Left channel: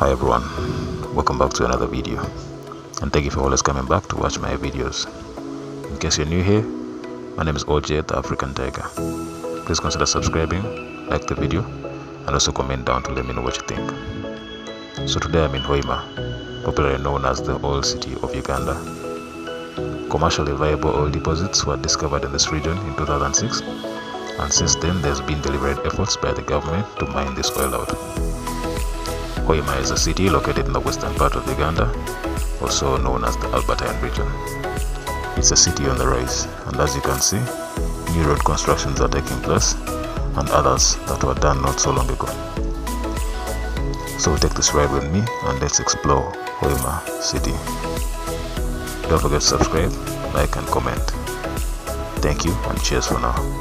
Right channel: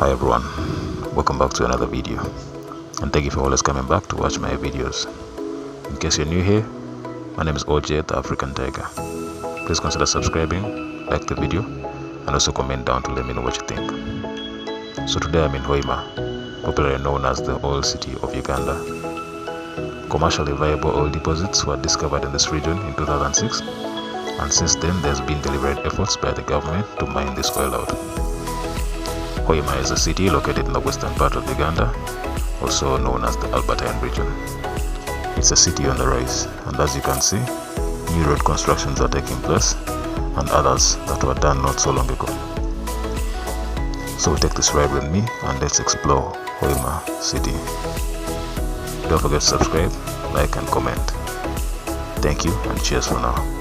Hi everyone, welcome back to another video, and thank you for always coming back to watch my videos. In case you're new here, my name is OJ the African Tiger. Please consider subscribing, like the video, and also comment down to let me know what you think. So today I'm in Hoima, popularly known as the oil city of Uganda. Commercially viable oil deposits were discovered in this region in 2006, and since then there's been deliberate efforts by the government to mine this oil out. Hoima is a city located in the western part of Uganda, also known as the Albertine region. It's a city on the rise, and as you can see, new road constructions are taking place, and others that were done not so long ago. So take this ride with me and let's explore Hoima city. Don't forget to subscribe, like and comment. Thank you and cheers for now.